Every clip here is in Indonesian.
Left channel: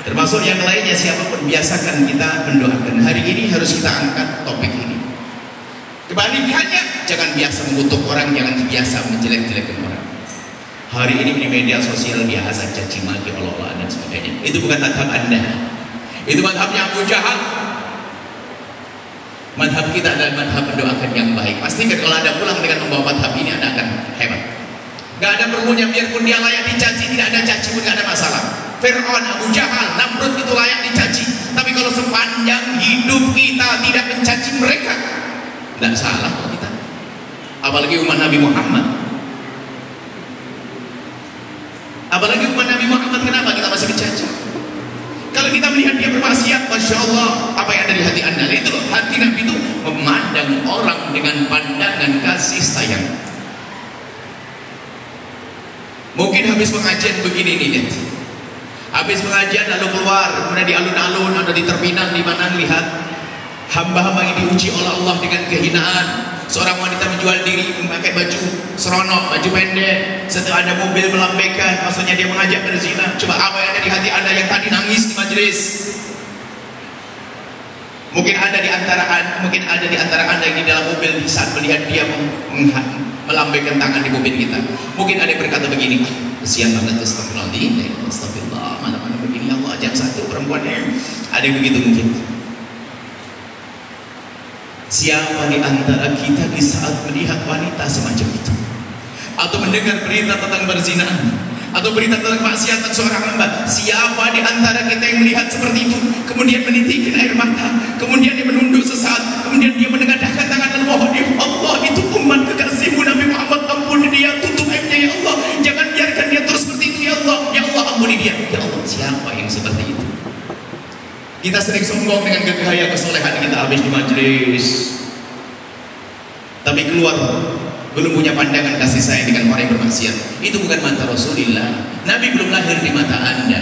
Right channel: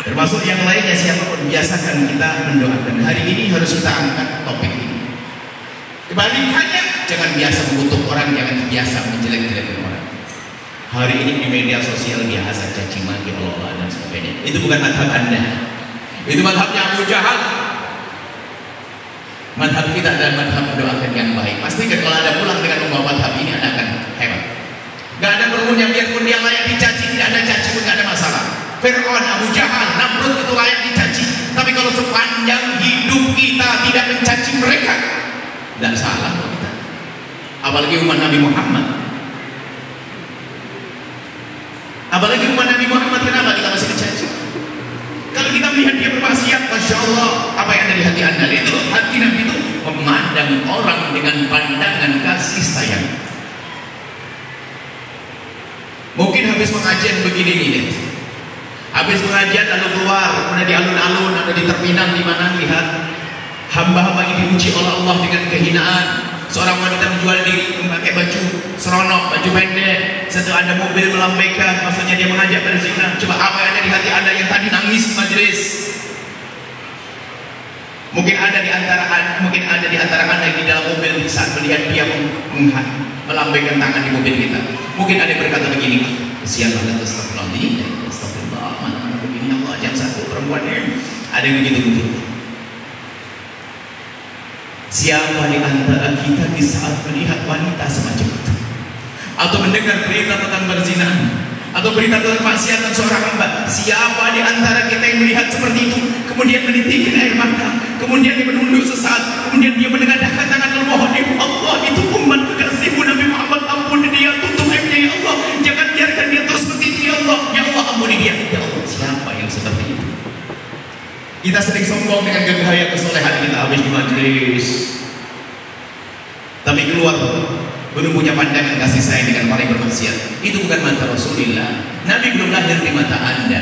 Termasuk yang lainnya, siapapun biasakan kita mendoakan. Hari ini harus kita angkat topik ini. Kebalikannya, jangan biasa mengutuk orang, jangan biasa menjelek-jelekan orang. Hari ini di media sosial biasa caci maki Allah dan sebagainya. Itu bukan madhab Anda. Itu madhab yang Abu Jahal. Madhab kita adalah madhab mendoakan yang baik. Pastikan kalau Anda pulang dengan membawa madhab ini, Anda akan hebat. Gak ada perlunya, biarpun dia layak dicaci, tidak ada caci pun gak ada masalah. Fir'aun, Abu Jahal, Namrud itu layak dicaci. Tapi kalau sepanjang hidup kita tidak mencaci mereka, tidak salah kok kita. Apalagi umat Nabi Muhammad. Apalagi umat Nabi Muhammad, kenapa kita masih mencaci? Kalau kita melihat dia bermaksiat, Masya Allah, apa yang ada di hati Anda? Itu hati Nabi itu memandang orang dengan pandangan kasih sayang. Mungkin habis pengajian begini nih, lihat. Habis pengajian lalu keluar, kemudian di alun-alun atau di terminal di mana lihat hamba-hamba yang diuji oleh Allah dengan kehinaan. Seorang wanita menjual diri memakai baju seronok, baju pendek. Setelah ada mobil melambaikan, maksudnya dia mengajak berzina. Coba apa yang ada di hati Anda yang tadi nangis di majelis? Mungkin ada di antara Anda yang di dalam mobil saat melihat dia melambaikan tangan di mobil kita. Mungkin ada yang berkata begini, kesian banget, astagfirullah, mana-mana begini, Allah jam 1 perempuannya. Ada yang begitu mungkin. Siapa di antara kita di saat melihat wanita semacam itu, atau mendengar berita tentang perzinahan, atau berita tentang maksiatan seorang hamba, siapa di antara kita yang melihat seperti itu, kemudian menitikkan air mata, kemudian dia menunduk sesaat, kemudian dia menengadahkan tangan memohon, ya Allah, itu umat kekasihmu Nabi Muhammad, ampuni dia, tutup aibnya ya Allah, jangan biarkan dia terus seperti itu ya Allah, ya Allah ampuni dia, ya Allah. Siapa yang seperti itu? Kita sering sombong dengan gaya kesolehan kita habis di majelis, tapi keluar belum punya pandangan kasih sayang dengan orang yang bermaksiat. Itu bukan mata Rasulullah. Nabi belum lahir di mata Anda.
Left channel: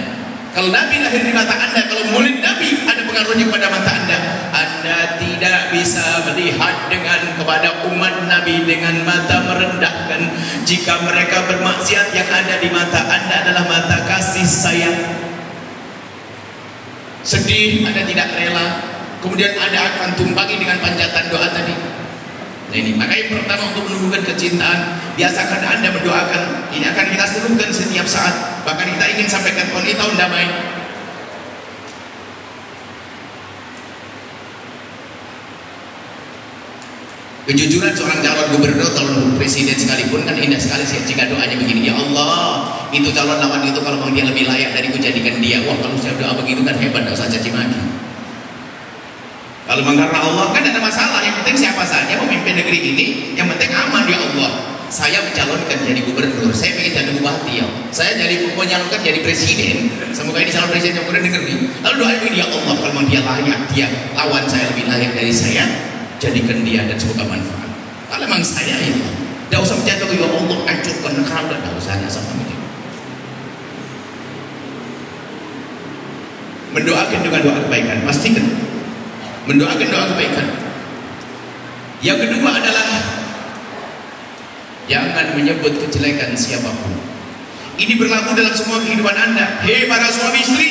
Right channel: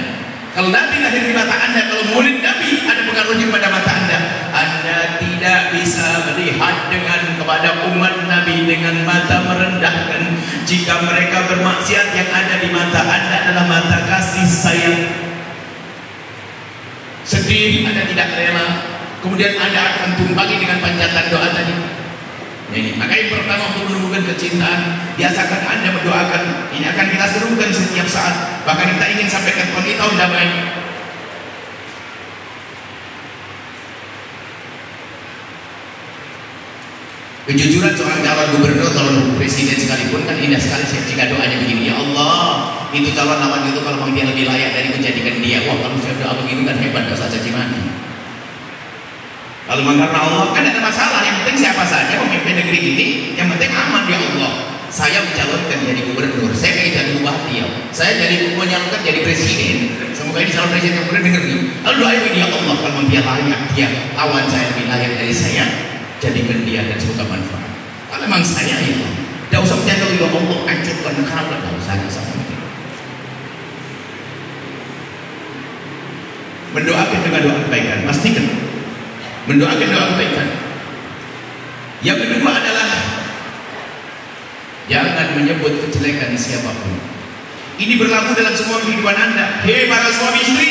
Kalau Nabi lahir di mata Anda, kalau murid Nabi ada pengaruhnya pada mata Anda, Anda tidak bisa melihat kepada umat Nabi dengan mata merendahkan. Jika mereka bermaksiat, yang ada di mata Anda adalah mata kasih sayang. Sedih, Anda tidak rela, kemudian Anda akan tumpangi dengan panjatan doa tadi. Jadi makanya pertama untuk menumbuhkan kecintaan, biasakan Anda mendoakan. Ini akan kita serukan setiap saat. Bahkan kita ingin sampaikan tahun damai. Kejujuran seorang calon gubernur, calon presiden sekalipun kan indah sekali jika doanya begini, ya Allah, itu calon lawan itu kalau memang dia lebih layak dari menjadikan dia. Wah, kalau saya doa begitu kan hebat, gak usah caci maki. Kalau memang karena Allah kan ada masalah, yang penting siapa saja memimpin negeri ini, yang penting aman ya Allah. Saya mencalonkan jadi gubernur, saya ingin jadi bupati ya, saya menyalurkan jadi presiden. Semoga ini calon presiden yang mudah dengar nih. Lalu doa ini ya Allah, kalau memang dia layak, dia lawan saya lebih layak dari saya, jadikan dia dan semoga manfaat. Kalau memang saya ya Allah, tidak usah percaya kalau ya Allah hancurkan negara, tidak usah sama itu. Mendoakan dengan doa kebaikan, pastikan mendoakan doa kebaikan. Yang kedua adalah jangan menyebut kejelekan siapapun. Ini berlaku dalam semua kehidupan Anda. Hei para suami istri,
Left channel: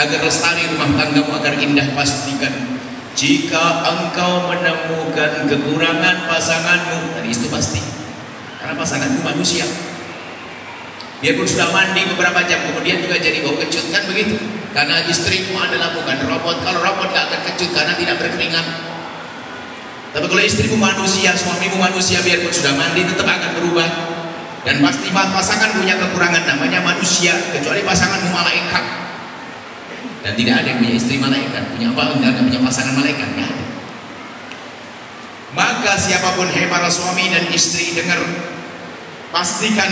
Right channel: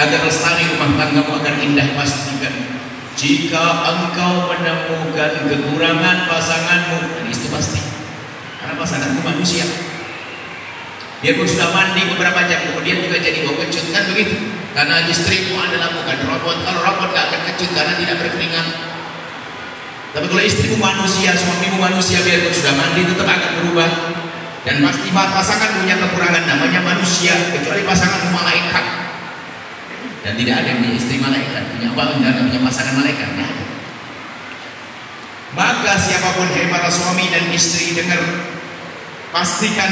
agar lestari rumah tanggamu, agar indah, pastikan jika engkau menemukan kekurangan pasanganmu, dan itu pasti, karena pasanganmu manusia. Biarpun sudah mandi beberapa jam kemudian juga jadi bau kecut, kan begitu? Karena istrimu adalah bukan robot. Kalau robot gak akan kecut karena tidak berkeringat. Tapi kalau istrimu manusia, suamimu manusia, biarpun sudah mandi tetap akan berubah. Dan pasti pasangan punya kekurangan, namanya manusia, kecuali pasanganmu malaikat. Dan tidak ada yang punya istri malaikat, punya apa? Tidak punya pasangan malaikat ya? Maka siapapun hei para suami dan istri, dengar, pastikan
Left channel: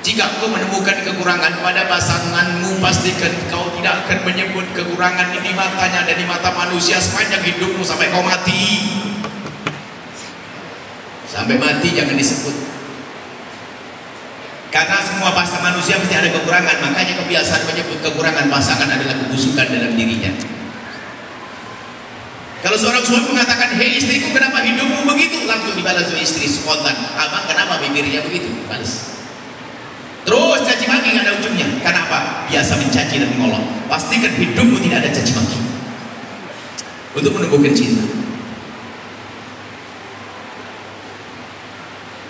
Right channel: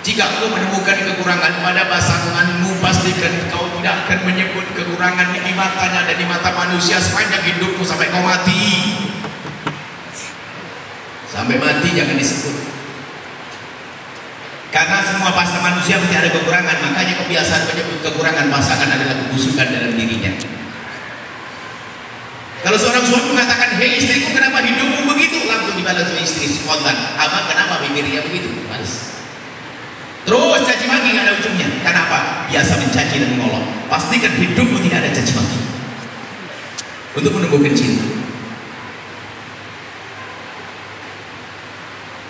jika kau menemukan kekurangan pada pasanganmu, pastikan kau tidak akan menyebut kekurangan di matanya dan di mata manusia sepanjang hidupmu sampai kau mati. Sampai mati jangan disebut. Karena semua pasangan manusia pasti ada kekurangan, makanya kebiasaan menyebut kekurangan pasangan adalah kebusukan dalam dirinya. Kalau seorang suami mengatakan, hei istriku kenapa hidupmu begitu? Langsung dibalas oleh istri spontan, abang kenapa bibirnya begitu? Balas. Terus caci maki nggak ada ujungnya. Kenapa? Biasa mencaci dan menolong. Pastikan hidupmu tidak ada caci maki. Untuk menumbuhkan cinta.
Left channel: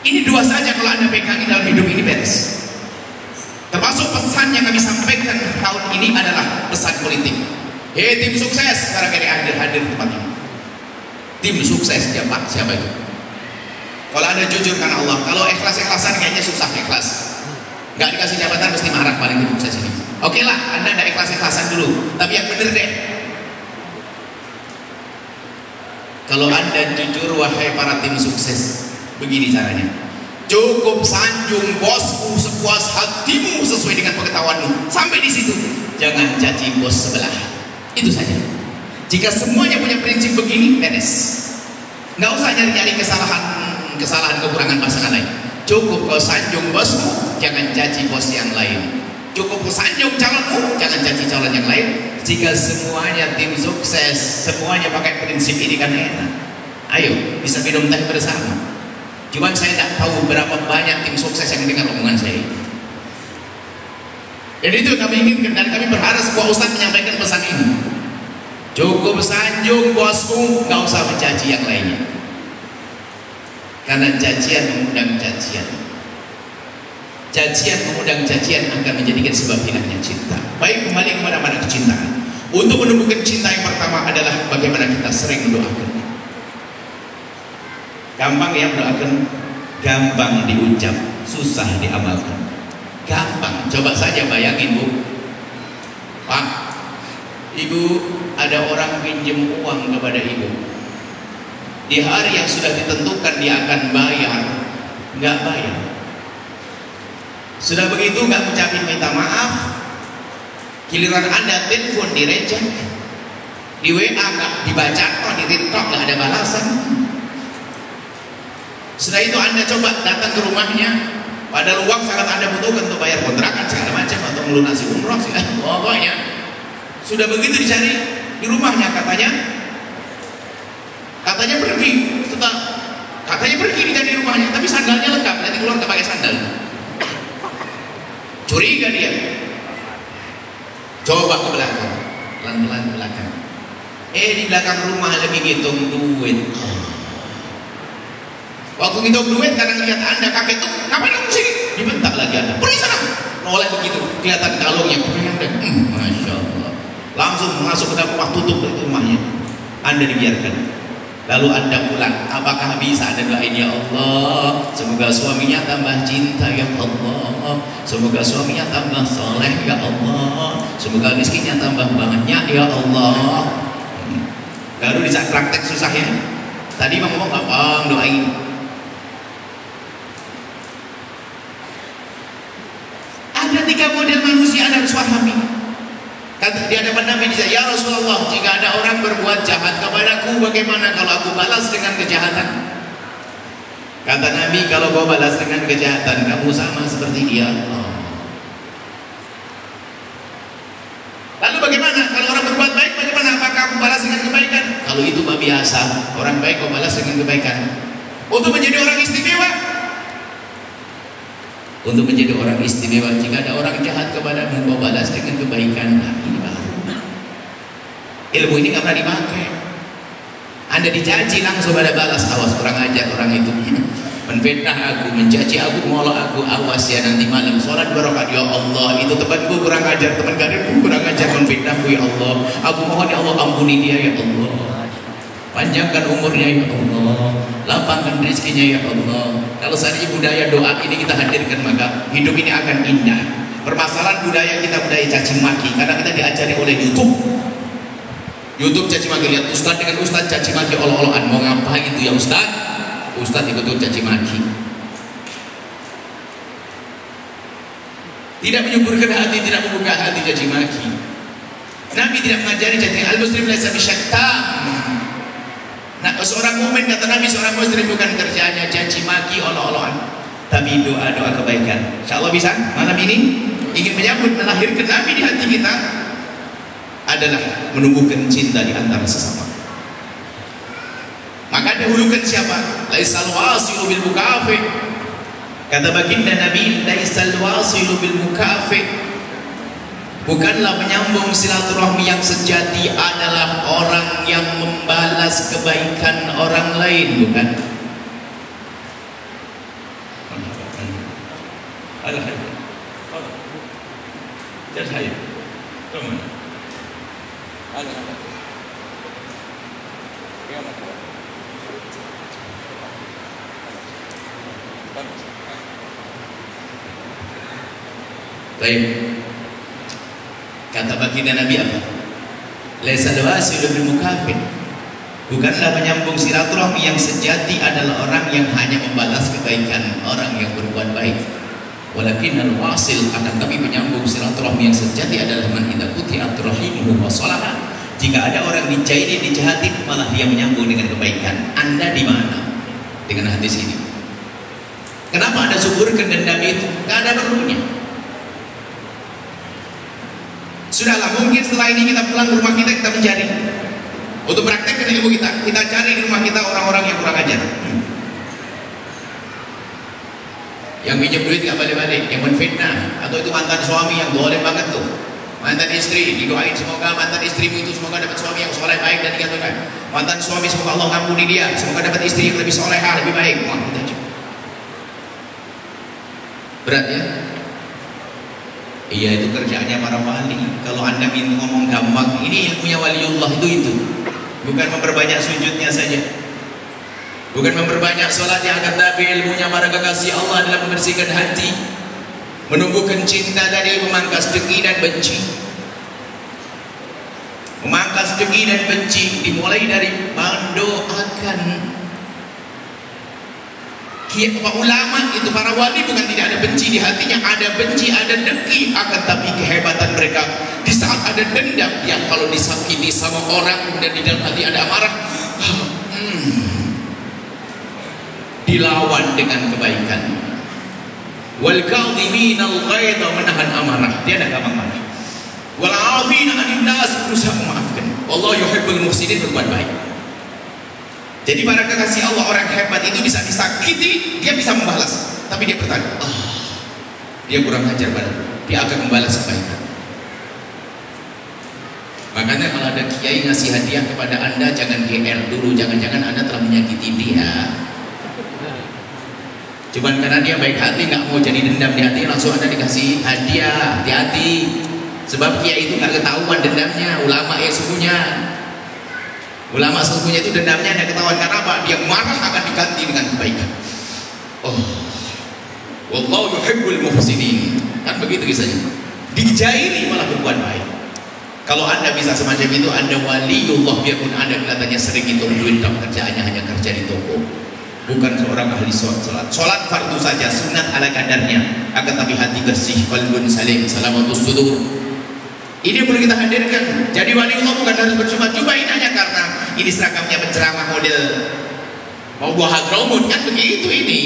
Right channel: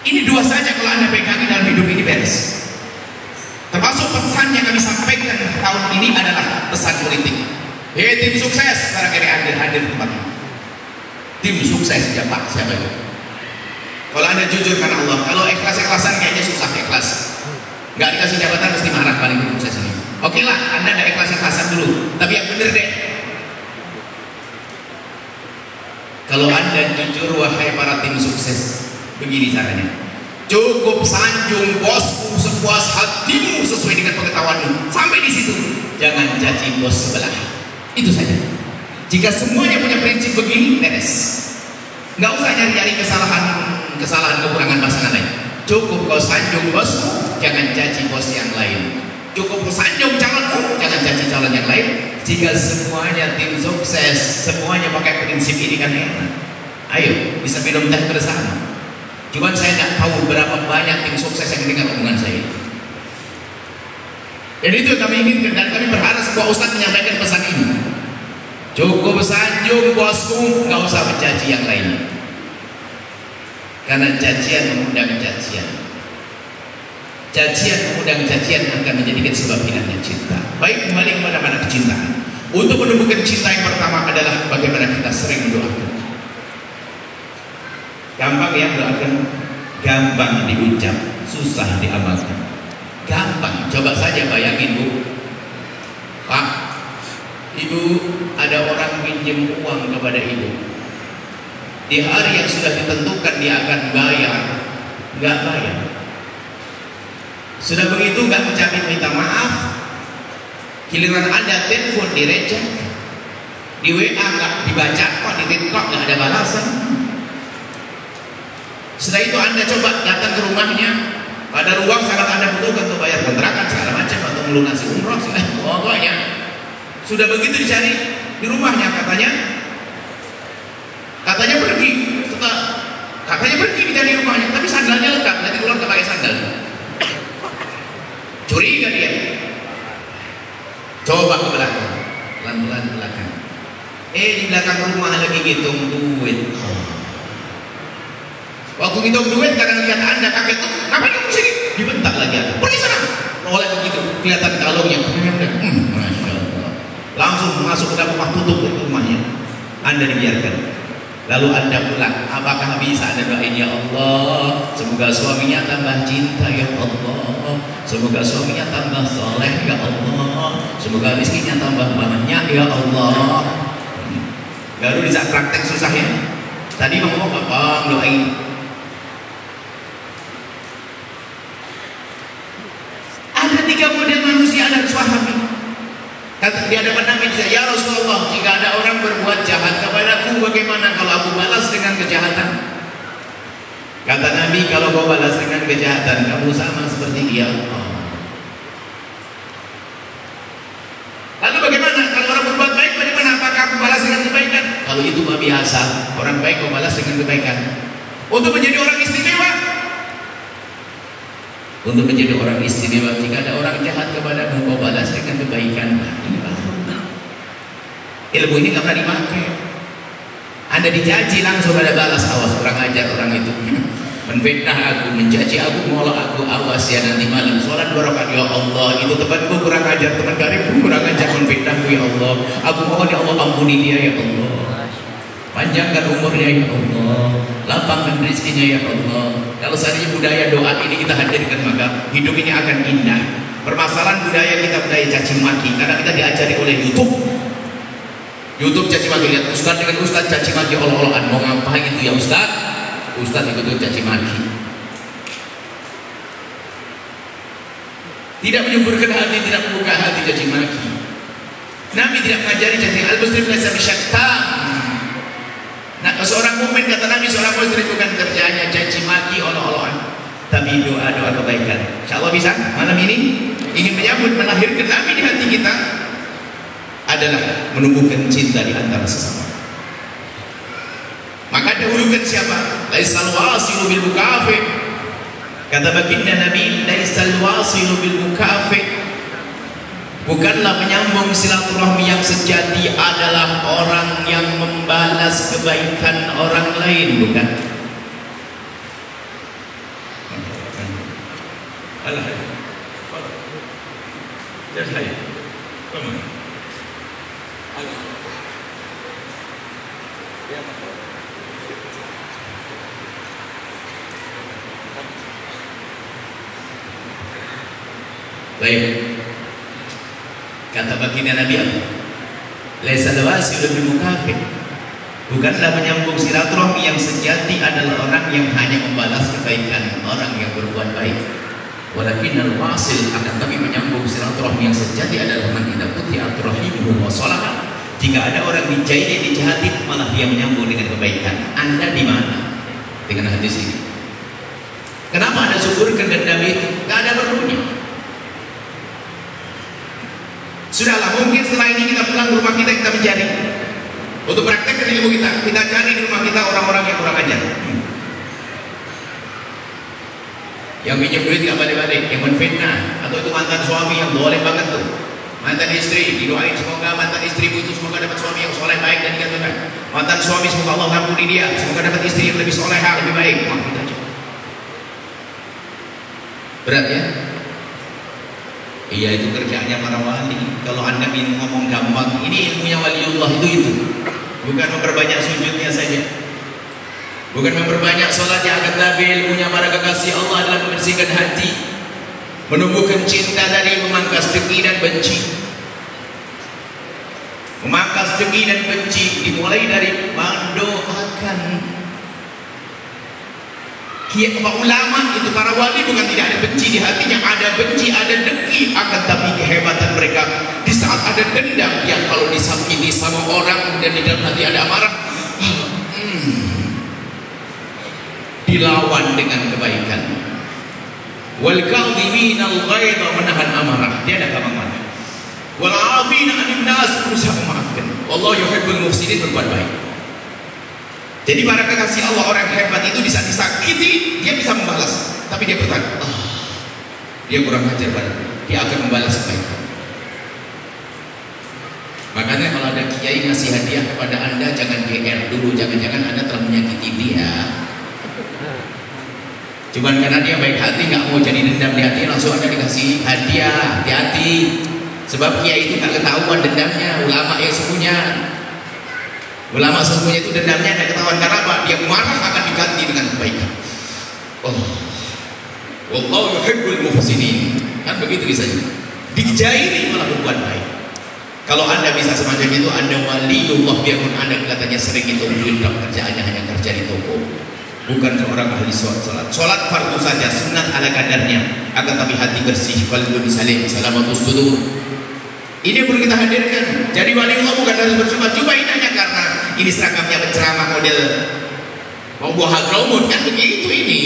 Ini dua saja kalau Anda pegangi dalam hidup ini beres. Termasuk pesan yang kami sampaikan tahun ini adalah pesan politik. Hei tim sukses, barangkali hadir tempat ini. Tim sukses siapa? Siapa itu? Kalau Anda jujur karena Allah, kalau ikhlas-ikhlasan kayaknya susah ikhlas. Nggak dikasih jabatan mesti marah paling sukses ini. Oke lah, Anda nggak ikhlas-ikhlasan dulu, tapi yang bener deh. Kalau Anda jujur, wahai para tim sukses, begini caranya. Cukup sanjung bosku sepuas hatimu sesuai dengan pengetahuanmu. Sampai di situ, jangan caci bos sebelah. Itu saja. Jika semuanya punya prinsip begini, beres. Nggak usah nyari-nyari kesalahan kekurangan pasangan lain. Cukup kau sanjung bosmu, jangan caci bos yang lain. Cukup kau sanjung calonmu, jangan caci calon yang lain. Jika semuanya tim sukses, semuanya pakai prinsip ini kan enak. Ayo, bisa minum teh bersama. Cuman saya tidak tahu berapa banyak tim sukses yang dengar omongan saya. Dan itu kami inginkan, dan kami berharap sebuah ustaz menyampaikan pesan ini. Cukup sanjung bosmu, nggak usah mencaci yang lainnya. Karena cacian mengundang cacian. Cacian mengundang cacian akan menjadikan sebab hinanya cinta. Baik, kembali kepada mana kecintaan. Untuk menumbuhkan cinta yang pertama adalah bagaimana kita sering mendoakan. Gampang ya mendoakan, gampang diucap, susah diamalkan. Gampang, coba saja bayangin Bu. Pak, Ibu, ada orang pinjam uang kepada Ibu. Di hari yang sudah ditentukan dia akan bayar, nggak bayar. Sudah begitu nggak ucapin minta maaf. Giliran Anda telepon direject, di WA nggak dibaca, kok di TikTok nggak ada balasan. Setelah itu Anda coba datang ke rumahnya, pada uang sangat Anda butuhkan untuk bayar kontrakan segala macam atau melunasi umroh, pokoknya sudah begitu dicari di rumahnya katanya pergi, katanya pergi dicari rumahnya, tapi sandalnya lengkap, nanti keluar tak pakai sandal. Curiga dia. Coba ke belakang, pelan-pelan ke belakang. Di belakang rumah lagi ngitung duit. Waktu ngitung duit kadang lihat Anda kakek tuh, kapan kamu sini? Dibentak lagi Anda. Pergi sana. Oleh begitu kelihatan kalungnya. Masya Allah. Langsung masuk ke dalam rumah, tutup rumahnya. Anda dibiarkan. Lalu Anda pulang, apakah bisa Anda doain ya Allah, semoga suaminya tambah cinta ya Allah, semoga suaminya tambah soleh ya Allah, semoga rezekinya tambah banyak ya Allah. Lalu di saat praktek susahnya, tadi mau ngomong apa, doain. Ada 3 model manusia Anda harus pahami. Kata di hadapan Nabi, ya Rasulullah, jika ada orang berbuat jahat kepadaku, bagaimana kalau aku balas dengan kejahatan? Kata Nabi, kalau kau balas dengan kejahatan, kamu sama seperti dia. Lalu bagaimana kalau orang berbuat baik, bagaimana? Apakah aku balas dengan kebaikan? Kalau itu mah biasa, orang baik kau balas dengan kebaikan. Untuk menjadi orang istimewa, untuk menjadi orang istimewa, jika ada orang jahat kepadamu, kau balas dengan kebaikan. Ilmu ini nggak pernah dipakai. Anda dicaci langsung ada balas, awas kurang ajar orang itu. Menfitnah aku, mencaci aku, menolak aku, awas ya nanti malam sholat 2 rakaat ya Allah, itu temanku kurang ajar, teman karibku kurang ajar, menfitnahku ya Allah. Aku mohon ya Allah, ampuni dia ya Allah. Panjangkan umurnya ya Allah, lapangkan rezekinya ya Allah. Kalau seandainya budaya doa ini kita hadirkan, maka hidup ini akan indah. Permasalahan budaya kita budaya caci maki, karena kita diajari oleh YouTube caci maki. Lihat ustaz dengan ustaz caci maki Allah-Allahan. Mau ngapain itu ya ustaz? Ustaz ikut caci maki. Tidak menyuburkan hati, tidak membuka hati caci maki. Nabi tidak mengajari caci. Al-muslim laisa bisyaitan. Nah, seorang mukmin, kata Nabi, seorang muslim bukan kerjaannya caci maki Allah-Allahan, tapi doa-doa kebaikan. Insyaallah bisa malam ini ingin menyambut melahirkan Nabi di hati kita adalah menumbuhkan cinta di antara sesama. Maka dahulukan siapa? Laisal wasilu bil mukafi. Kata baginda Nabi, laisal wasilu bil mukafi. Bukanlah menyambung silaturahmi yang sejati adalah orang yang membalas kebaikan orang lain, bukan? Baik. Kata baginda Nabi apa? Laisa al-wasilu bil mukafir. Bukanlah penyambung silaturahmi yang sejati adalah orang yang hanya membalas kebaikan orang yang berbuat baik. Walakin al-wasil, akan tapi menyambung silaturahmi yang sejati adalah man idza quti'at rahimuhu wa salaha. Jika ada orang dijahati malah dia menyambung dengan kebaikan. Anda di mana dengan hadis ini? Kenapa Anda suburkan dendam itu? Tidak ada perlunya. Sudahlah, mungkin setelah ini kita pulang ke rumah kita mencari untuk praktekkan ilmu kita cari di rumah kita orang-orang yang kurang ajar, yang pinjam duit gak balik-balik, yang menfitnah, atau itu mantan suami yang boleh banget tuh, mantan istri didoain semoga mantan istri itu semoga dapat suami yang soleh baik dan dikatakan mantan suami semoga Allah ngampuni dia, semoga dapat istri yang lebih solehah lebih baik. Wah, kita coba berat ya. Iya, itu kerjaannya para wali. Kalau Anda ingin ngomong gampang, ini ilmunya waliullah itu. Bukan memperbanyak sujudnya saja, bukan memperbanyak sholat yang akan Nabi. Ilmunya para kekasih Allah adalah membersihkan hati, menumbuhkan cinta dari memangkas dengki dan benci. Memangkas dengki dan benci dimulai dari mendoakan. Ulama itu para wali bukan tidak ada benci di hatinya, ada benci, ada dengki, akan tapi kehebatan mereka di saat ada dendam yang kalau disakiti sama orang kemudian di dalam hati ada amarah, dilawan dengan kebaikan. Wal kadhiminal ghaidha, menahan amarah, dia tidak gampang marah. Wal 'afina 'anil nas, berusaha memaafkan. Wallahu yuhibbul muhsinin, berbuat baik. Jadi para kekasih Allah, orang hebat itu bisa disakiti, dia bisa membalas. Tapi dia bertanya, dia kurang ajar padaku, dia akan membalas kebaikan. Makanya kalau ada kiai ngasih hadiah kepada Anda, jangan GR dulu, jangan-jangan Anda telah menyakiti dia. Cuman karena dia baik hati, nggak mau jadi dendam di hati, langsung Anda dikasih hadiah. Hati-hati, sebab kiai itu nggak ketahuan dendamnya. Ulama ya sesungguhnya, ulama sesungguhnya itu dendamnya ada ketahuan. Karena apa? Dia marah akan diganti dengan kebaikan. Wallahu yuhibbul muhsinin. Kan begitu kisahnya. Dijairi malah berbuat baik. Kalau Anda bisa semacam itu, Anda waliullah, biarpun Anda kelihatannya sering itu duit, kerjaannya hanya kerja di toko. Bukan seorang ahli sholat. Sholat fardu saja, sunat ala kadarnya. Akan tapi hati bersih, qalbun salim, salamatus sudur. Ini perlu kita hadirkan. Jadi waliullah bukan harus bercuma-cuma hanya karena ini seragamnya penceramah model mau buah hadramaut, kan begitu ini.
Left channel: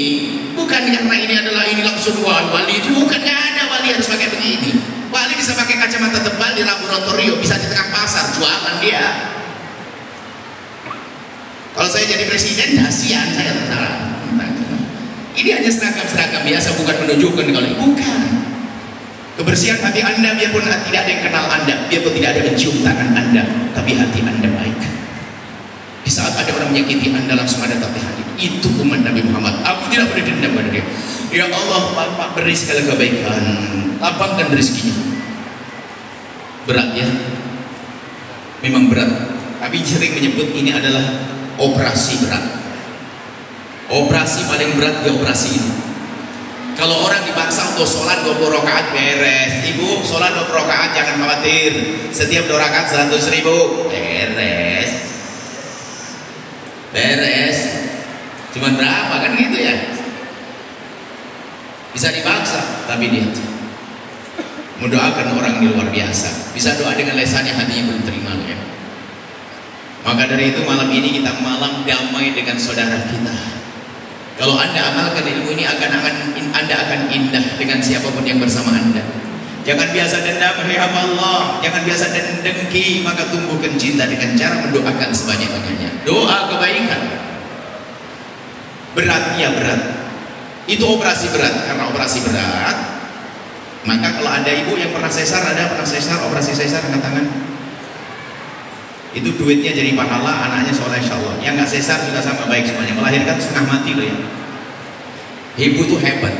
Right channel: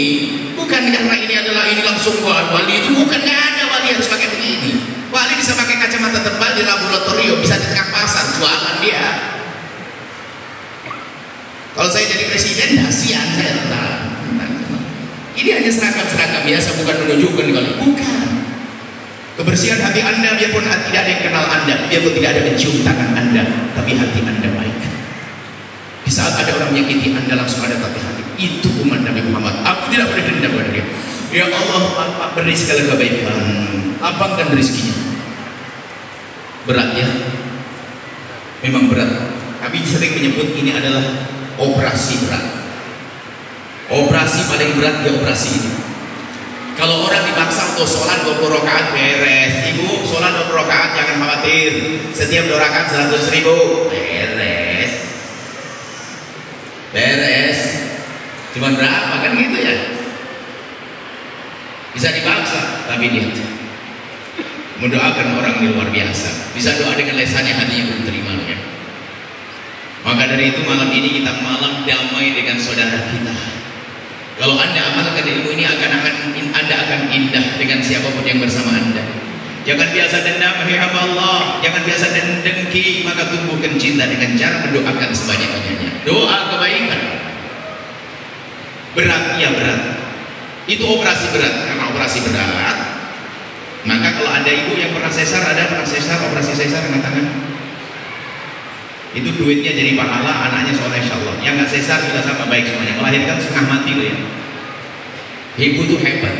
Bukan karena ini adalah ini langsung wali itu, bukan, nggak ada wali harus pakai begini. Wali bisa pakai kacamata tebal di laboratorium, bisa di tengah pasar jualan dia. Kalau saya jadi presiden, kasihan saya tentara. Ini hanya seragam-seragam biasa, bukan menunjukkan kalau bukan. Kebersihan hati Anda, biarpun tidak ada yang kenal Anda, biarpun tidak ada mencium tangan Anda, tapi hati Anda baik. Di saat ada orang menyakiti Anda, langsung ada tapi hati. Itu umat Nabi Muhammad. Aku tidak boleh dendam pada dia. Ya Allah, Bapak beri segala kebaikan, lapangkan rezekinya. Berat ya, memang berat. Tapi sering menyebut ini adalah operasi berat. Operasi paling berat di operasi ini. Kalau orang dipaksa untuk sholat 20 rakaat beres. Ibu sholat 20 rakaat jangan khawatir. Setiap 2 rakaat 100.000 beres. Beres. Cuman berapa kan gitu ya? Bisa dipaksa, tapi lihat. Mendoakan orang ini luar biasa. Bisa doa dengan lesannya, hatinya belum terima kan? Maka dari itu malam ini kita malam damai dengan saudara kita. Kalau Anda amalkan ilmu ini Anda akan indah dengan siapapun yang bersama Anda. Jangan biasa dendam, hai hamba Allah. Jangan biasa dengki, maka tumbuhkan cinta dengan cara mendoakan sebanyak-banyaknya. Doa kebaikan. Berat, ya berat. Itu operasi berat. Karena operasi berat, maka kalau ada ibu yang pernah sesar, operasi sesar angkat tangan. Itu duitnya jadi pahala, anaknya soleh insyaallah. Yang nggak sesar juga sama baik semuanya. Melahirkan setengah mati loh ya. Ibu tuh hebat.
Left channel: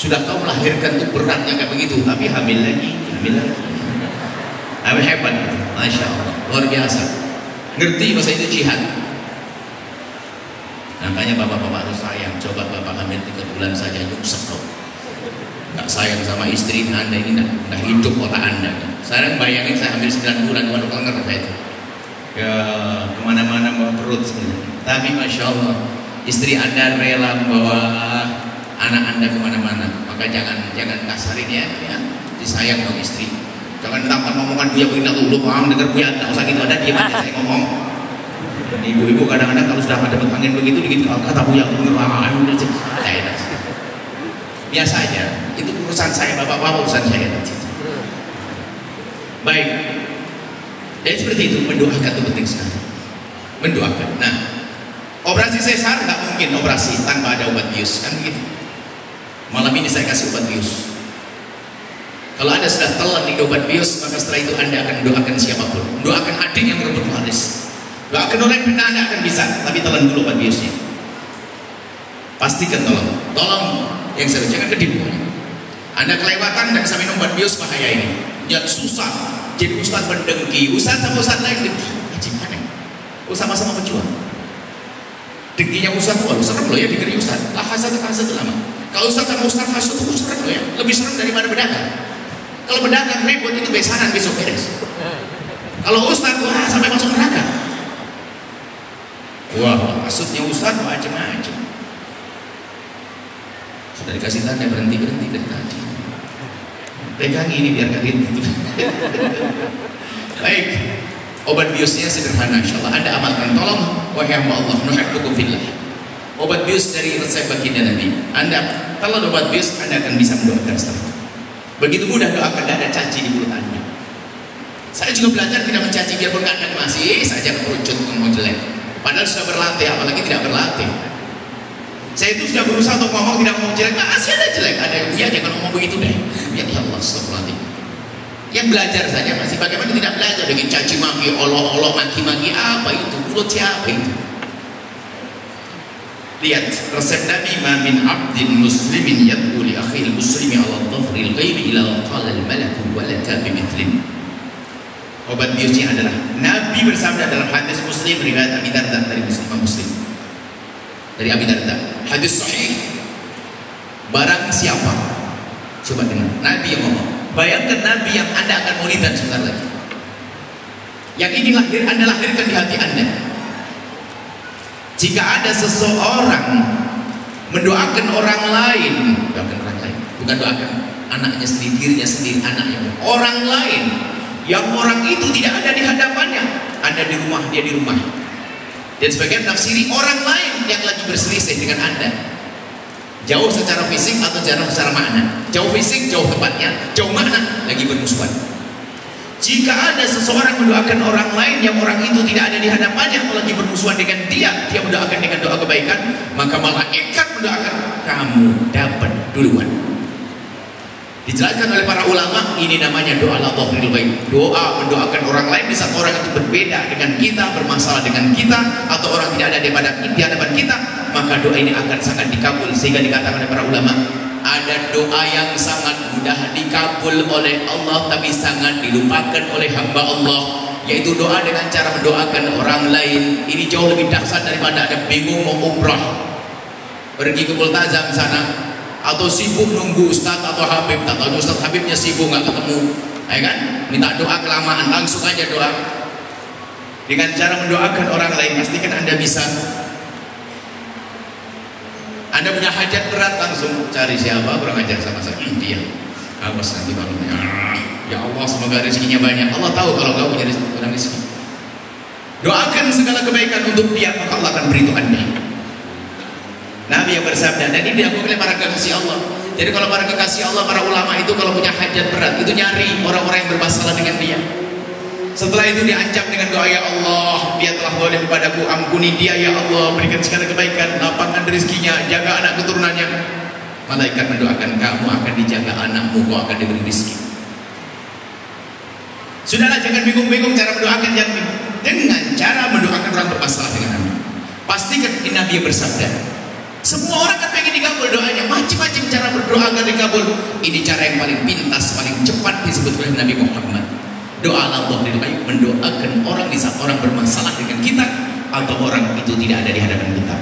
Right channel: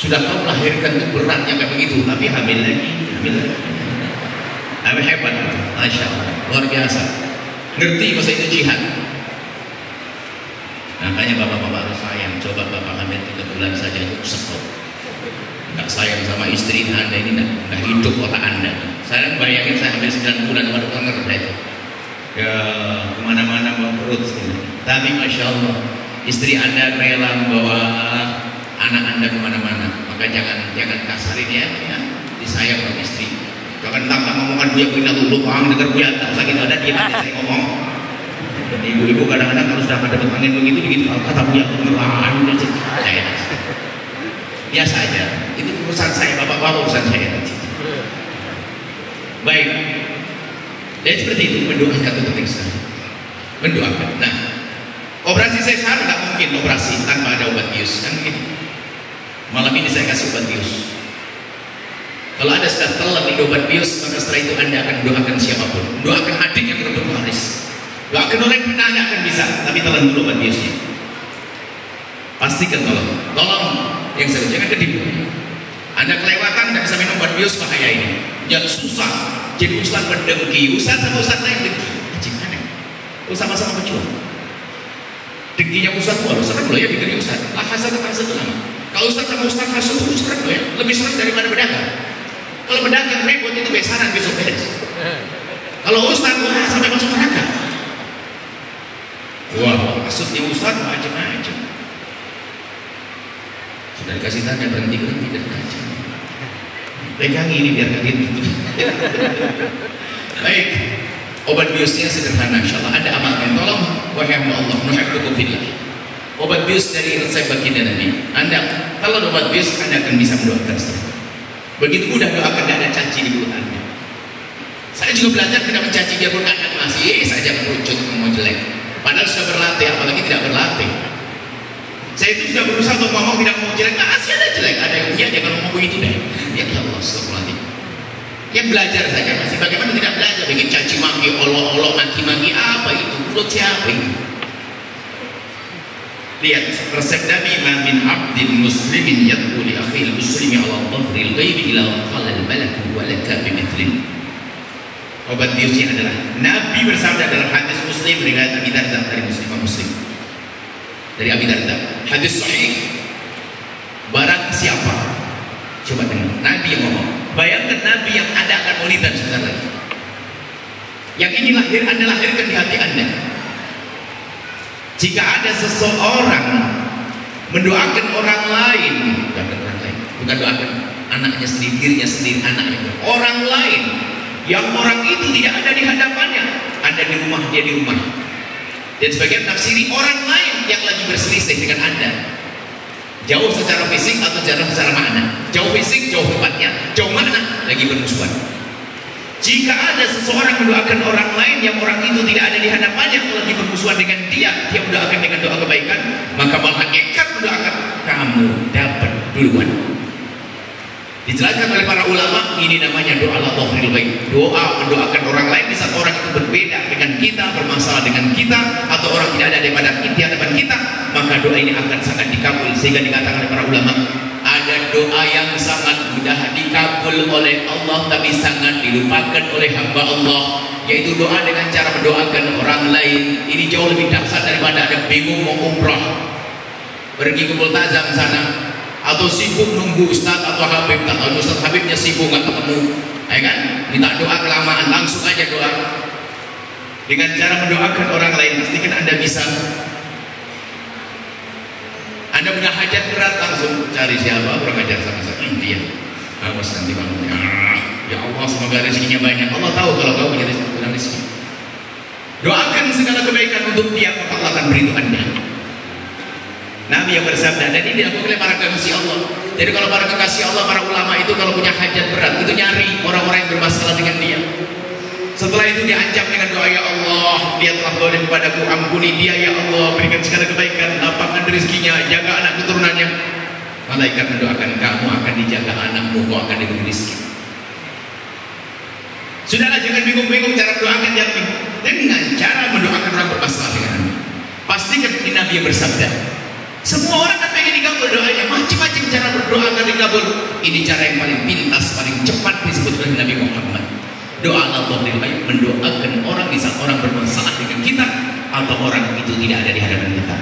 Sudah kau melahirkan tuh beratnya kayak begitu, tapi hamil lagi. Hebat, masya Allah, luar biasa. Ngerti masa itu jihad. Makanya bapak-bapak harus sayang. Coba bapak hamil 3 bulan saja nyungsep kau. Nggak sayang sama istri Anda ini, nggak hidup otak Anda. Saya bayangin saya hamil 9 bulan, waduh kelengar saya itu. Ya kemana-mana bawa perut. Tapi masya Allah, istri Anda rela membawa anak Anda kemana-mana. Maka jangan kasarin ya, disayang dong istri. Jangan tambah ngomongan dia punya dulu, paham dengar buaya tak usah gitu, ada dia aja saya ngomong. Ibu-ibu kadang-kadang kalau sudah dapat angin begitu kata buaya beneran. Biasa aja, itu urusan saya, bapak-bapak urusan saya nanti. Baik, dan seperti itu mendoakan itu penting sekali. Mendoakan. Nah, operasi sesar nggak mungkin operasi tanpa ada obat bius kan begitu. Malam ini saya kasih obat bius. Kalau Anda sudah telan di obat bius, maka setelah itu Anda akan doakan siapapun. Doakan adik yang merebut waris. Doakan orang yang Anda akan bisa, tapi telan dulu obat biusnya. Pastikan tolong yang saya jangan ketipu. Anda kelewatan tidak bisa minum obat bius, bahaya ini. Jangan susah. Jadi ustaz mendengki, ustaz sama ustaz lain dengki. Gimana? Sama-sama berjuang. Dengkinya ustaz tuh, serem loh ya dengki ustaz. Lah hasad itu lama. Kalau ustaz sama ustaz hasad itu serem loh ya. Lebih serem daripada pedagang. Kalau pedagang ribut itu besaran besok beres. Kalau ustaz tuh sampai masuk neraka. Wah, maksudnya ustaz macam-macam. Sudah dikasih tanda berhenti dari tadi. Pegang ini biar kalian gitu. Baik, obat biusnya sederhana, insyaallah Anda amalkan. Tolong, wahai hamba Allah, nuhibbukum fillah. Obat bius dari resep baginda Nabi. Anda kalau obat bius, Anda akan bisa mendoakan seterusnya. Begitu mudah doakan, tidak ada caci di mulut Anda. Saya juga belajar tidak mencaci dia pun Anda masih saja merucut mau jelek. Padahal sudah berlatih, apalagi tidak berlatih. Saya itu sudah berusaha untuk ngomong tidak mau jelek, masih ada jelek. Ada yang dia jangan ngomong begitu deh. Ya Allah, astagfirullahaladzim. Yang belajar saja masih bagaimana tidak belajar dengan caci maki, olok-olok, maki-maki apa itu? Mulut siapa itu? Lihat resep Nabi, ma min abdin muslimin yad'u li akhil muslimi ala dhahril ghaibi ila qala al malaku wa laka bimithlin. Obat biusnya adalah Nabi bersabda dalam hadis Muslim riwayat Abi Darda dari Muslim. Dari Abi Darda, hadis sahih. Barang siapa, coba dengar, Nabi yang ngomong. Bayangkan Nabi yang Anda akan mulidan sebentar lagi. Yang ini Anda lahirkan di hati Anda. Jika ada seseorang mendoakan orang lain, bukan doakan anaknya sendiri, dirinya sendiri, anaknya, orang lain, yang orang itu tidak ada di hadapannya, Anda di rumah, dia di rumah. Dan sebagian tafsiri orang lain yang lagi berselisih dengan Anda, jauh secara fisik atau jauh secara makna. Jauh fisik, jauh tempatnya, jauh makna, lagi bermusuhan. Jika ada seseorang mendoakan orang lain yang orang itu tidak ada di hadapannya atau lagi bermusuhan dengan dia mendoakan dengan doa kebaikan, maka malaikat mendoakan kamu dapat duluan. Dijelaskan oleh para ulama, ini namanya doa al-dhahril ghaib. Doa mendoakan orang lain di saat orang itu berbeda dengan kita, bermasalah dengan kita, atau orang tidak ada di hadapan kita, maka doa ini akan sangat dikabul. Sehingga dikatakan oleh para ulama, ada doa yang sangat mudah dikabul oleh Allah tapi sangat dilupakan oleh hamba Allah, yaitu doa dengan cara mendoakan orang lain. Ini jauh lebih dahsyat daripada ada bingung mau umrah, pergi ke Multazam sana, atau sibuk nunggu Ustaz atau Habib, atau Ustaz Habibnya sibuk nggak ketemu, ya kan? Minta doa kelamaan, langsung aja doa. Dengan cara mendoakan orang lain, pastikan Anda bisa. Anda punya hajat berat, langsung cari siapa, kurang ajar sama saya, dia. Awas nanti bangun. Ya Allah, semoga rezekinya banyak. Allah tahu kalau kau punya rezeki. Doakan segala kebaikan untuk dia, maka Allah akan beri itu Anda. Nabi yang bersabda, dan ini dilakukan oleh para kekasih Allah. Jadi kalau para kekasih Allah, para ulama itu kalau punya hajat berat, itu nyari orang-orang yang bermasalah dengan dia. Setelah itu diancam dengan doa, ya Allah, dia telah zalim padaku, ampuni dia ya Allah, berikan segala kebaikan, lapangkan rezekinya, jaga anak keturunannya. Malaikat mendoakan kamu akan dijaga anakmu, kau akan diberi rezeki. Sudahlah, jangan bingung-bingung cara mendoakan, yang bingung dengan cara mendoakan orang bermasalah denganmu. Pastikan Nabi yang bersabda, semua orang kan pengen dikabul doanya, macam-macam cara berdoa agar dikabul. Ini cara yang paling pintas, paling cepat disebut oleh Nabi Muhammad. Doa Allah mendoakan orang di saat orang bermasalah dengan kita atau orang itu tidak ada di hadapan kita.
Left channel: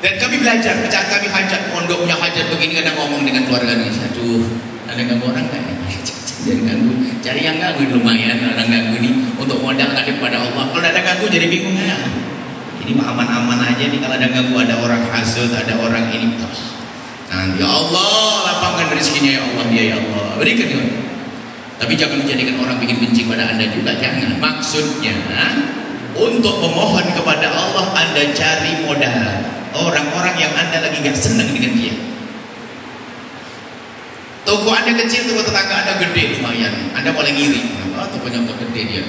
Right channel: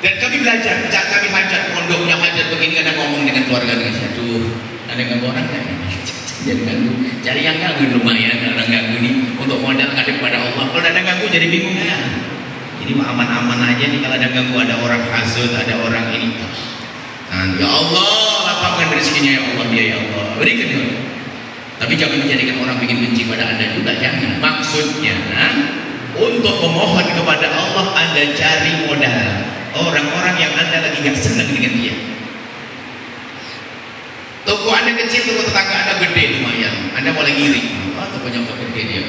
Dan kami belajar, kami hajat, pondoknya hajat begini, kadang ngomong dengan keluarga dengan saya, aduh, ada ganggu orang kan? Jadi ganggu, cari yang ganggu lumayan, orang ganggu ini untuk modal ngadep pada Allah. Kalau ada ganggu jadi bingung ya. Ini mah aman-aman aja nih, kalau ada ganggu, ada orang hasud, ada orang ini. Nah, ya Allah, lapangkan rezekinya ya Allah, ya Allah, berikan ya. Tapi jangan menjadikan orang bikin benci pada Anda juga, jangan. Maksudnya, untuk memohon kepada Allah, Anda cari modal orang-orang yang Anda lagi gak senang dengan dia. Toko Anda kecil, toko tetangga Anda gede lumayan, Anda mulai ngiri. Oh, tokonya kok gede dia.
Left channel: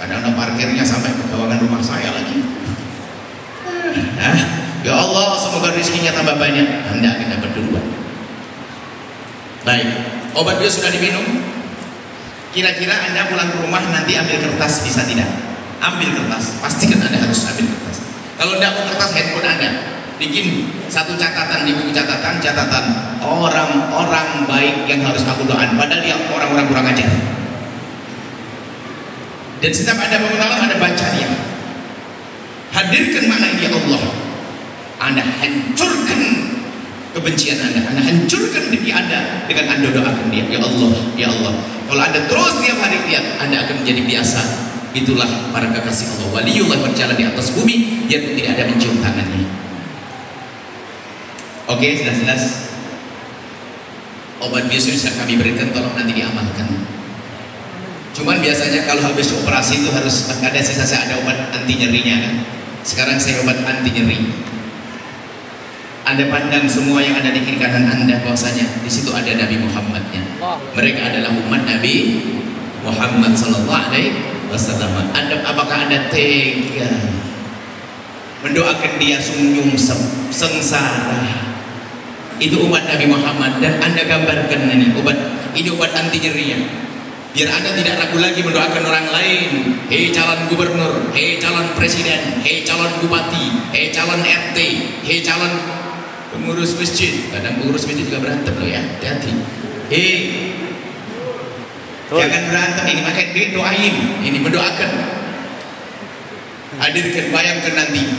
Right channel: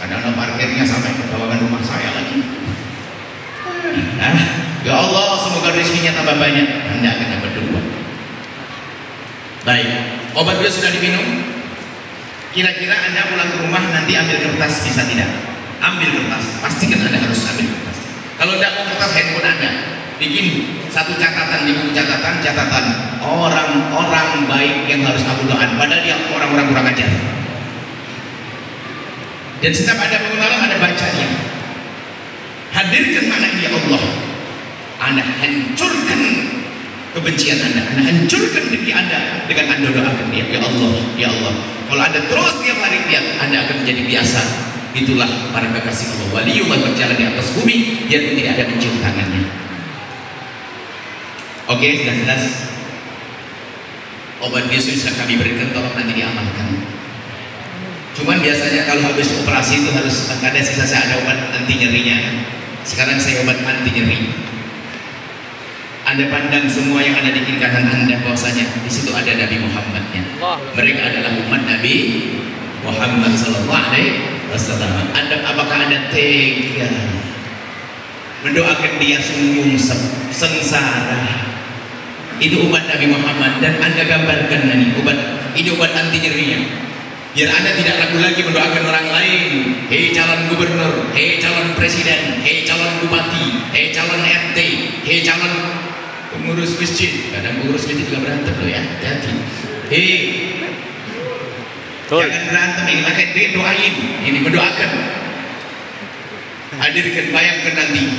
Padahal parkirnya sampai ke bawakan rumah saya lagi. Ya Allah, semoga rezekinya tambah banyak. Anda akan dapat dua. Baik, obat dia sudah diminum. Kira-kira Anda pulang ke rumah nanti ambil kertas, bisa tidak? Ambil kertas, pastikan Anda harus ambil kertas. Kalau tidak mau kertas, handphone Anda bikin satu catatan di buku catatan orang-orang baik yang harus aku doakan, padahal dia orang-orang kurang ajar. Dan setiap ada bangun malam ada bacanya. Hadirkan mana ini ya Allah. Anda hancurkan kebencian Anda hancurkan diri Anda dengan Anda doakan dia. Ya Allah, ya Allah. Kalau Anda terus tiap hari lihat, Anda akan menjadi biasa. Itulah para kekasih Allah. Waliullah berjalan di atas bumi, dia tidak ada mencium tangannya. Oke, sudah jelas. Obat bius yang kami berikan, tolong nanti diamalkan. Cuman biasanya kalau habis operasi itu harus ada sisa, ada obat anti nyerinya. Sekarang saya obat anti nyeri. Anda pandang semua yang ada di kiri kanan Anda, bahwasanya di situ ada Nabi Muhammadnya. Mereka adalah umat Nabi Muhammad Sallallahu Alaihi Wasallam. Apakah Anda tega mendoakan dia sungguh sengsara? Itu umat Nabi Muhammad, dan Anda gambarkan ini obat anti nyerinya. Biar Anda tidak ragu lagi mendoakan orang lain. Hei calon gubernur, hei calon presiden, hei calon bupati, hei calon RT, hei calon pengurus masjid. Kadang pengurus masjid juga berantem loh ya, hati-hati. Hei, jangan berantem, ini pakai duit, doain. Ini mendoakan. Hadirkan, bayangkan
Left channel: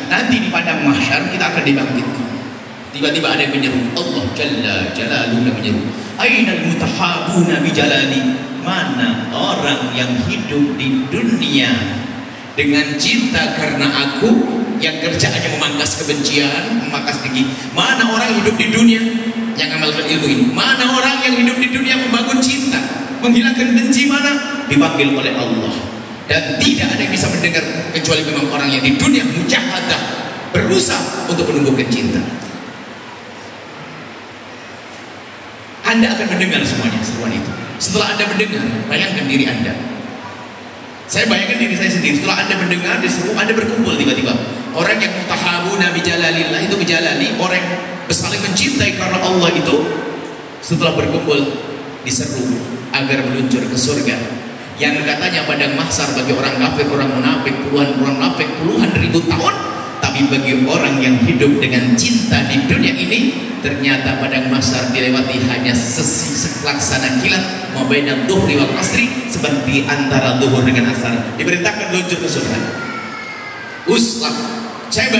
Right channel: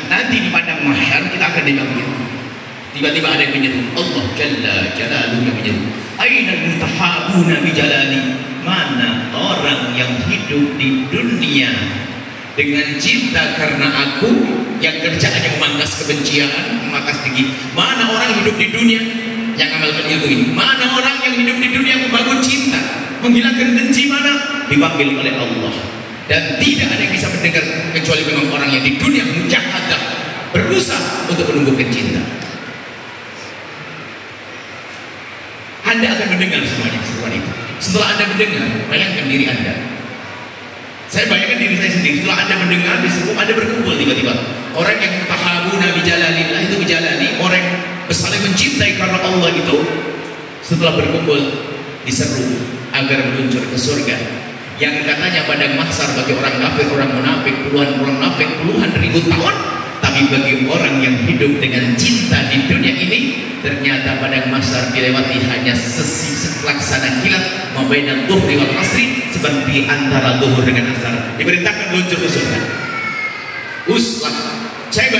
nanti di padang mahsyar kita akan dibangkitkan. Tiba-tiba ada yang menyeru, Allah Jalla Jalaluhu yang menyeru, Ainal mutahabuna bi jalali. Mana orang yang hidup di dunia dengan cinta karena aku, yang kerjaannya memangkas kebencian, memangkas tinggi. Mana orang hidup di dunia yang amalkan ilmu ini? Mana orang yang hidup di dunia membangun cinta, menghilangkan benci? Mana? Dipanggil oleh Allah. Dan tidak ada yang bisa mendengar kecuali memang orang yang di dunia mujahadah, berusaha untuk menumbuhkan cinta. Anda akan mendengar semuanya, seruan itu. Setelah Anda mendengar, bayangkan diri Anda. Saya bayangkan diri saya sendiri. Setelah Anda mendengar, diseru, Anda berkumpul tiba-tiba. Orang yang mutahabuna bi jalalillah, itu jalali, orang yang saling mencintai karena Allah itu, setelah berkumpul diseru agar meluncur ke surga. Yang katanya padang mahsyar bagi orang kafir, orang munafik, puluhan orang munafik, puluhan ribu tahun. Tapi bagi orang yang hidup dengan cinta di dunia ini, ternyata padang mahsyar dilewati hanya selaksana kilat, mabainal dhuhri wal asri, seperti antara zuhur dengan asar. Diperintahkan luncur ke surga. Uslah, saya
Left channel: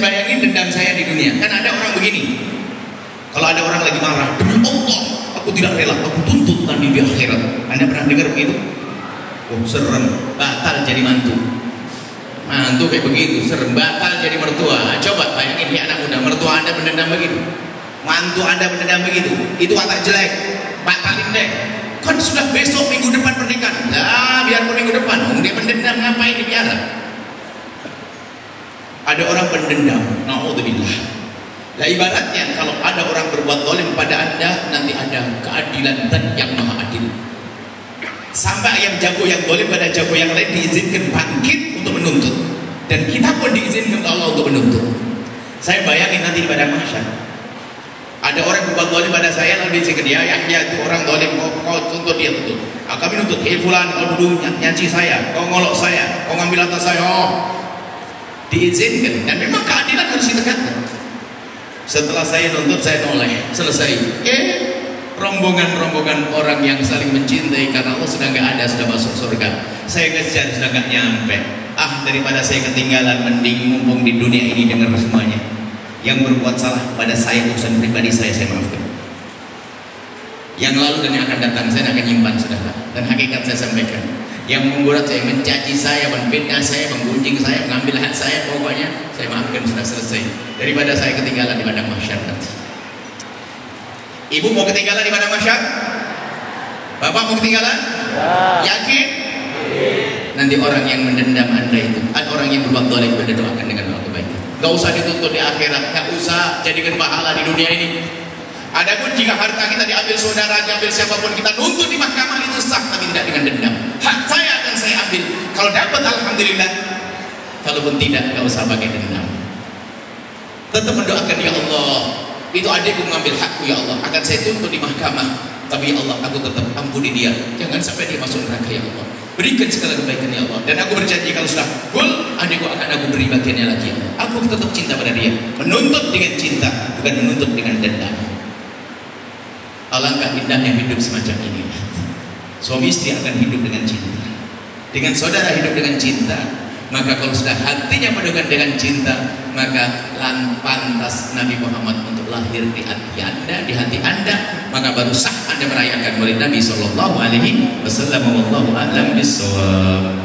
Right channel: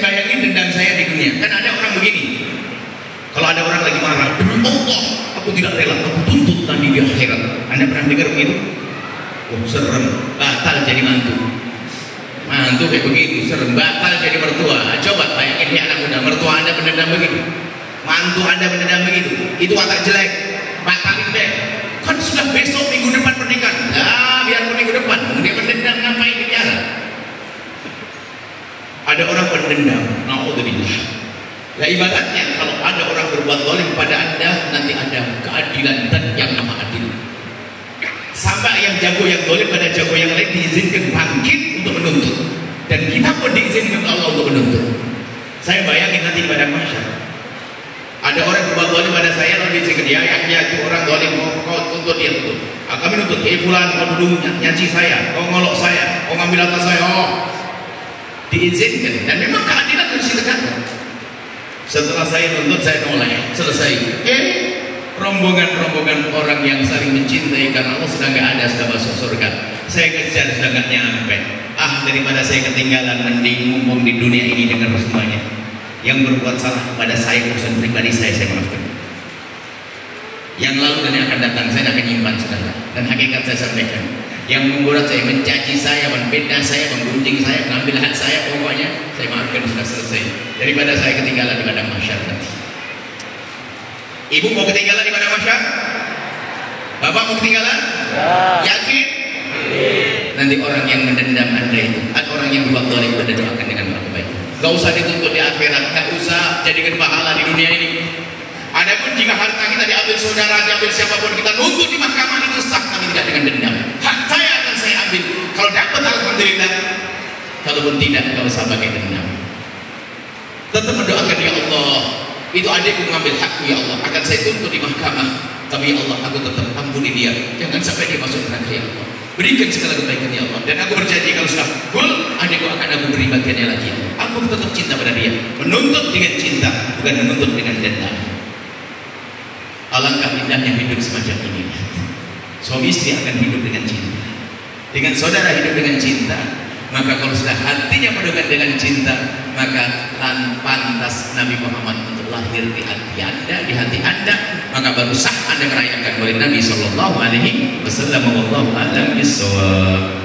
bayangin dendam saya di dunia. Kan ada orang begini, kalau ada orang lagi marah, demi Allah aku tidak rela, aku tuntut nanti di akhirat. Anda pernah dengar begitu? Oh serem, batal jadi mantu kayak begitu, serem, batal jadi mertua. Coba bayangin ya anak muda, mertua Anda berdendam begitu, mantu Anda berdendam begitu, itu watak jelek, batalin deh. Kan sudah besok minggu depan pernikahan. Lah biarpun minggu depan, dia berdendam, ngapain di penjara? Ada orang berdendam, naudzubillah. Nah ibaratnya kalau ada orang berbuat zalim pada Anda, nanti ada keadilan dan yang maha adil. Sampai yang jago yang zalim pada jago yang lain diizinkan bangkit untuk menuntut, dan kita pun diizinkan Allah untuk menuntut. Saya bayangin nanti pada masyarakat ada orang berbuat dolim pada saya, lalu dia dia ayahnya itu orang dolim, kau tuntut dia tuntut. Kami nuntut, fulan kau duduk nyanci saya, kau ngolok saya, kau ngambil atas saya. Oh, diizinkan dan memang keadilan harus ditegakkan. Setelah saya nuntut, saya noleh, selesai. Rombongan-rombongan orang yang saling mencintai karena Allah sudah nggak ada, sudah masuk surga. Saya kejar sudah nggak nyampe. Daripada saya ketinggalan, mending mumpung di dunia ini dengar semuanya. Yang berbuat salah pada saya, urusan pribadi saya maafkan. Yang lalu dan yang akan datang saya akan nyimpan saudara. Dan hakikat saya sampaikan. Yang membuat saya, mencaci saya, menfitnah saya, menggunjing saya, mengambil hak saya, pokoknya saya maafkan, sudah selesai. Daripada saya ketinggalan di padang mahsyar nanti. Ibu mau ketinggalan di padang mahsyar? Bapak mau ketinggalan? Ya. Yakin? Nanti orang yang mendendam Anda itu, ada orang yang berbuat zalim, Anda doakan dengan doa kebaikan. Gak usah dituntut di akhirat, gak usah jadikan pahala di dunia ini. Adapun jika harta kita diambil saudara, diambil siapapun, kita nuntut di mahkamah itu sah, tapi tidak dengan dendam. Hak saya akan saya ambil. Kalau dapat alhamdulillah, kalaupun tidak, gak usah pakai dendam. Tetap mendoakan, ya Allah, itu adikku mengambil hakku, ya Allah, akan saya tuntut di mahkamah. Tapi ya Allah, aku tetap ampuni dia, jangan sampai dia masuk neraka, ya Allah. Berikan segala kebaikan, ya Allah. Dan aku berjanji kalau sudah full, adikku akan aku beri bagiannya lagi. Aku tetap cinta pada dia. Menuntut dengan cinta, bukan menuntut dengan dendam. Alangkah indahnya hidup semacam ini. Suami istri akan hidup dengan cinta. Dengan saudara hidup dengan cinta. Maka kalau sudah hatinya penuh dengan cinta, maka pantas Nabi Muhammad untuk lahir di hati Anda, di hati Anda, maka baru sah Anda merayakan oleh Nabi Sallallahu Alaihi Wasallam. Wallahu a'lam bishawab.